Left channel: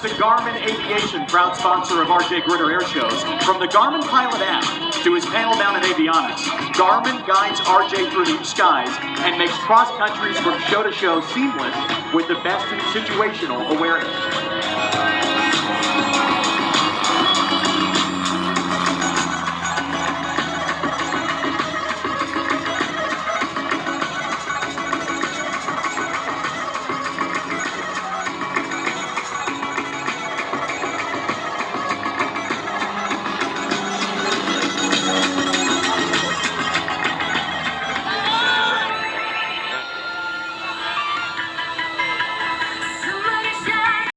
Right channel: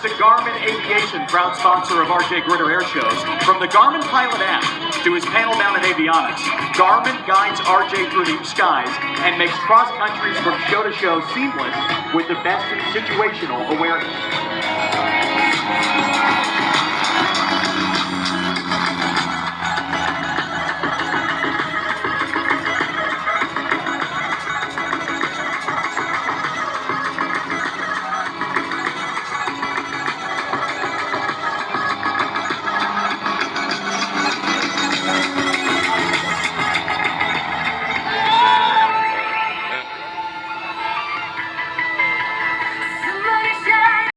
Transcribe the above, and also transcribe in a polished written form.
Thanks to Garmin Aviation, proud sponsor of RJ Gritter Air Shows. From the Garmin Pilot app to his panel-mounted avionics, Garmin guides RJ through the skies and makes cross countries from show to show seamless with the best in situational awareness.